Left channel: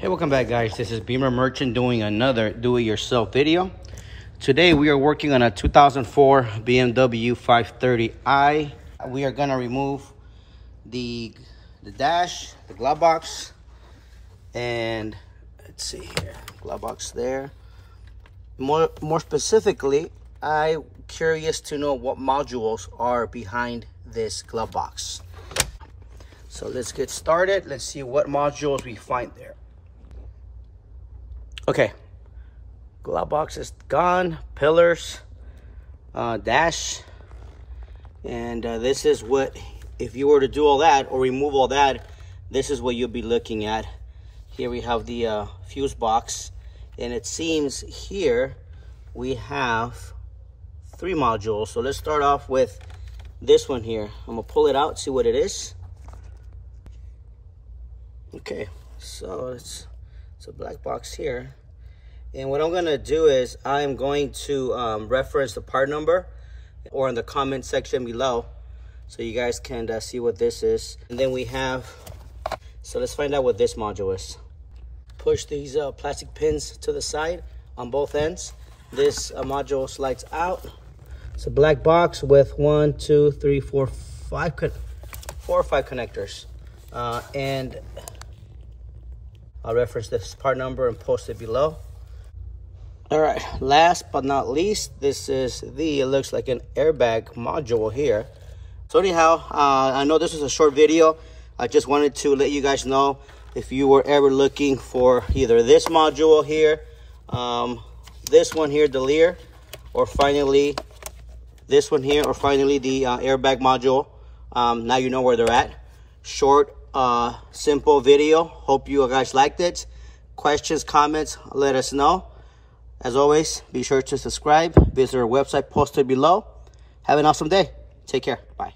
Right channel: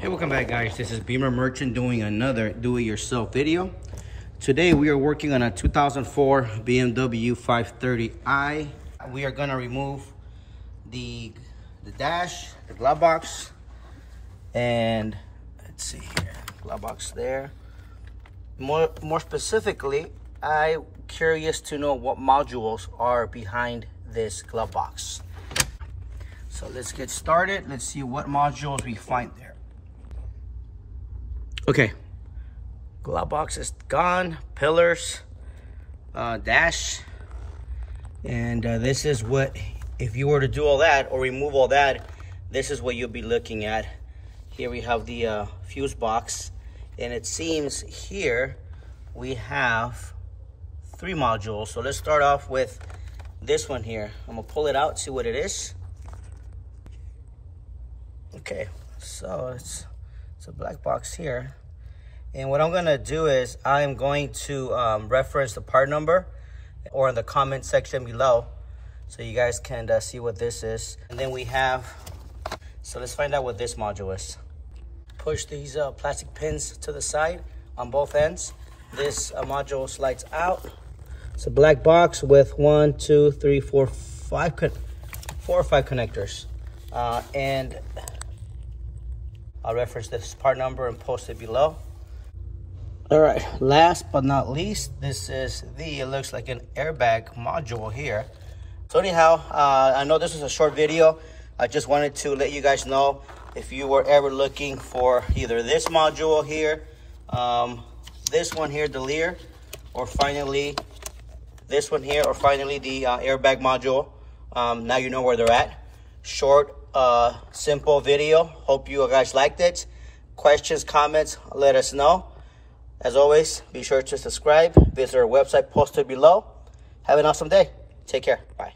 Hey, welcome back, guys. This is Beamer Merchant doing another do-it-yourself video. Today we are working on a 2004 BMW 530i. We are going to remove the dash, the glove box, and let's see here, glove box there. More specifically, I'm curious to know what modules are behind this glove box. So let's get started. Let's see what modules we find there. Okay, glove box is gone, pillars, dash, and this is what, if you were to do all that or remove all that, this is what you'll be looking at. Here we have the fuse box, and it seems here we have 3 modules. So let's start off with this one here. I'm gonna pull it out, see what it is. Okay, so it's a black box here. And what I'm gonna do is I'm going to reference the part number or in the comment section below so you guys can see what this is. And then we have, so let's find out what this module is. Push these plastic pins to the side on both ends. This module slides out. It's a black box with 4 or 5 connectors. And I'll reference this part number and post it below. All right, last but not least, this is it looks like an airbag module here. So anyhow, I know this is a short video. I just wanted to let you guys know if you were ever looking for either this module here, this one here, the Lear, or finally this one here, or finally the airbag module. Now you know where they're at. Short, simple video. Hope you guys liked it. Questions, comments, let us know. As always, be sure to subscribe, visit our website posted below. Have an awesome day. Take care. Bye.